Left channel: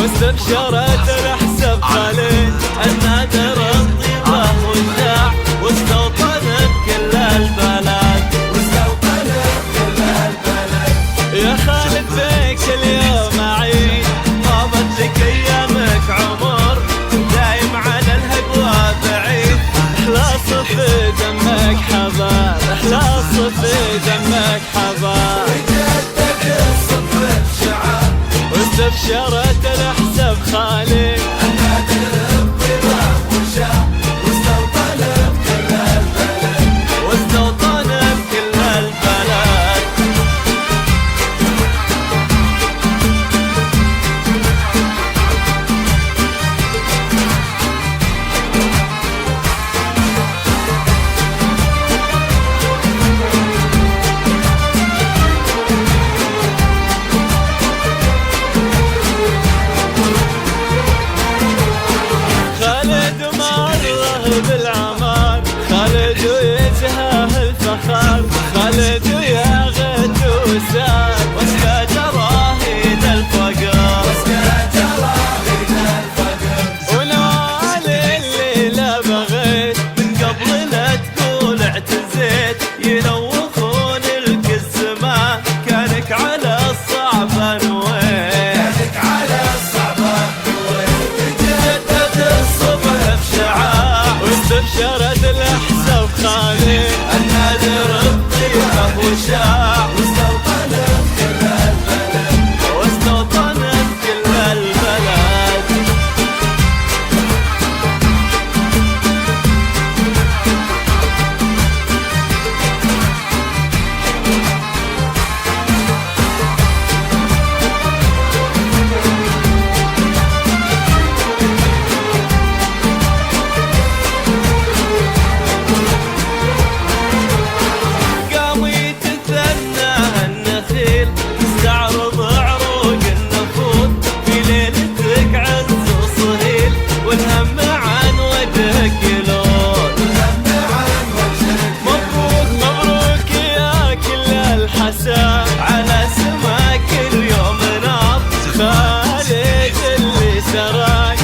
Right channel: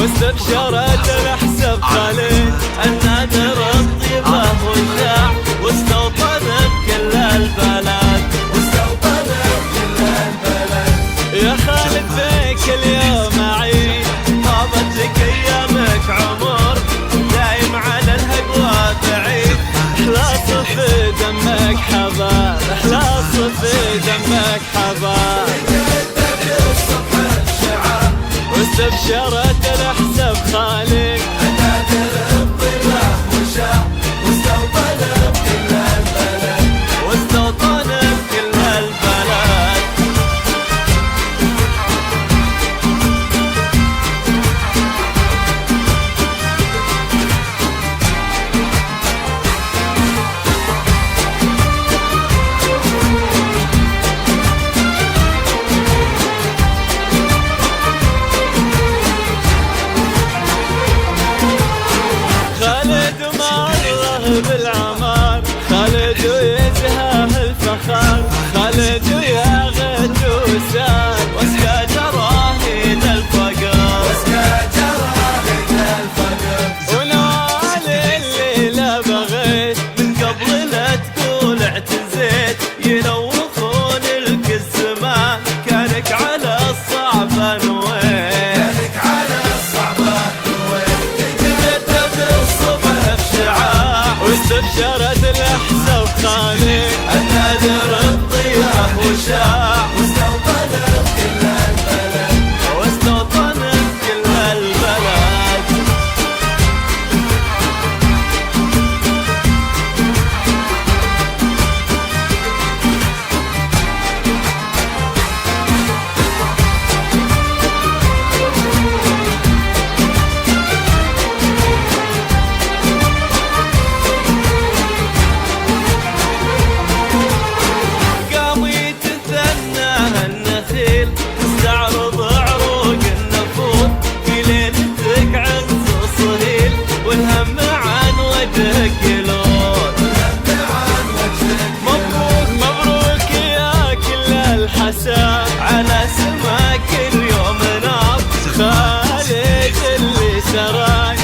واستبشرت الحسب خالد النادر الطيبة والشاع واستوطن بكل البلد. يا خالد بيك اليوم أعيد طابت لك أيامك عمر دايم على الهقوى بعيد إخلاص في دمك حباب إخلاص في دمك حباب. واستبشرت الحسب خالد واستوطن بكل البلد. خالد مره بالعمار خالد ويزهاه الفخار خالد وياغت وسار واسقى جراهيد الفقر ونوال الليلة بغيت من قبل لا تقول اعتزيت ينوخون لك الزمان كانك على الصعب نويت واستبشرت الأحساب خالد النادر الطيبة وشاع واستوطن بكل البلد. تستعرض عروق النفوذ في ليلتك عز وصهيل والهم عن وجهك يلون. مبروك مبروك يا كل الحساب على سماك اليوم ناب خالد اللي سراي